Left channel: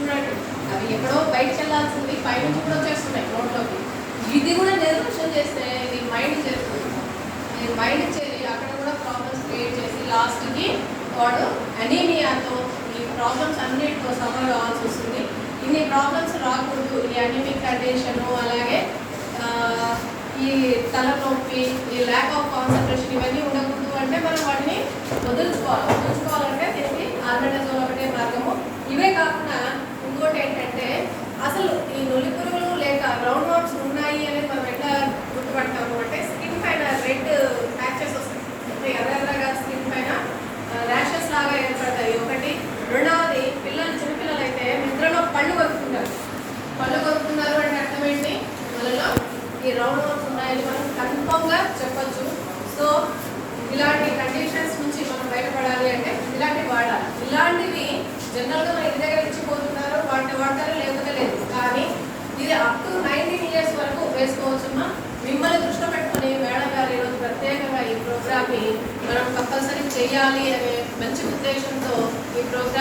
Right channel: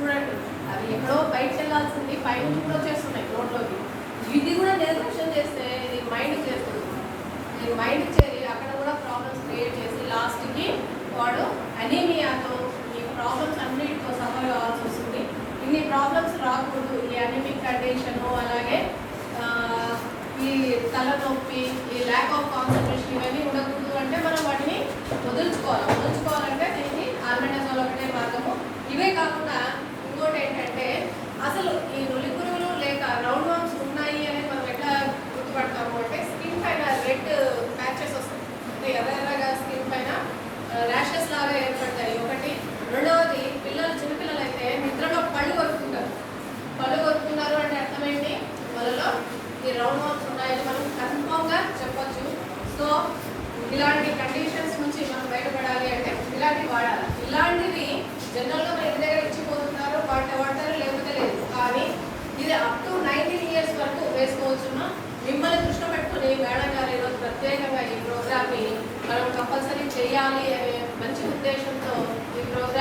చూడండి, అవి ఎక్కడో బయటకు వెళ్ళాల్సింది పైనుంచి కూడా వచ్చేస్తున్నాయి నోట్లోకి. ఇది కూడా నిర్లక్ష్యం చేస్తే ఇది మైండ్ చేస్తుంది. మైండ్ చేసి అక్కడ కూడా ప్రాబ్లమ్స్ క్రియేట్ చేసి లాస్ట్కి వాడు అనీమియాతో ఈ ప్రాబ్లమ్స్ అన్నిటితో సఫర్ కావాల్సి వస్తుంది. ఇన్ని ప్రాబ్లమ్స్ రాకూడదు. ఈ అనీమిక్ కండిషను, అలాగే ఈ తలనొప్పి, ఈ ల్యాక్ ఆఫ్ కాన్సన్ట్రేషన్ ఇవన్నీ ఉండకూడదు అంటే మనం వాటిని వదులుకోవాలంటే దీనికి ఆల్బెండజోల్ ఒకటే మార్గము. ఇవే కాకుండా ఇంకోటి ఏంటంటే, అసలు ఈ నులి పురుగులు లేక రౌండ్ వామ్స్ ఉన్నాయి అనేది మనం ఎట్లా గుర్తుపడతాము అంటే, స్కిన్ పైన రెడ్ ప్యాచెస్ వస్తాయి, అంటే ఎర్రగా స్కిన్ పైన ర్యాషెస్ లాగా ఏర్పడతాయి ఒకటి. రెండవది, చిన్నపిల్లలు అయితే నిద్రలో పళ్ళు కొరుకుతున్నారు అంటే అర్థం ఏంటి, వాళ్ళలో ఈ రౌండ్ వామ్స్ ఉన్నాయని మనం కన్ఫర్మ్గా చెప్పొచ్చు. సో ఇలాంటి కండిషన్స్ నుంచి మనం బయటపడాలి అంటే ఇలాంటివి వాడాలి. ఇలాంటివి జనరల్గా మన ఇంటి దగ్గర ఇచ్చిపోతున్నారు, వాడతారు లేకపోతే లేదు. కానీ ఇది అప్ టు 19 years వరకు వేసుకోవచ్చుమ్మా. మిమ్మల్ని దృష్టిలో పెట్టుకుని మేడం గారు ఈరోజు ప్రత్యేకంగా ఈ ప్రోగ్రామ్ని మనం కంపల్సరీ చేయాలి అనే మంచి ఉద్దేశంతో ఈ ప్రోగ్రామ్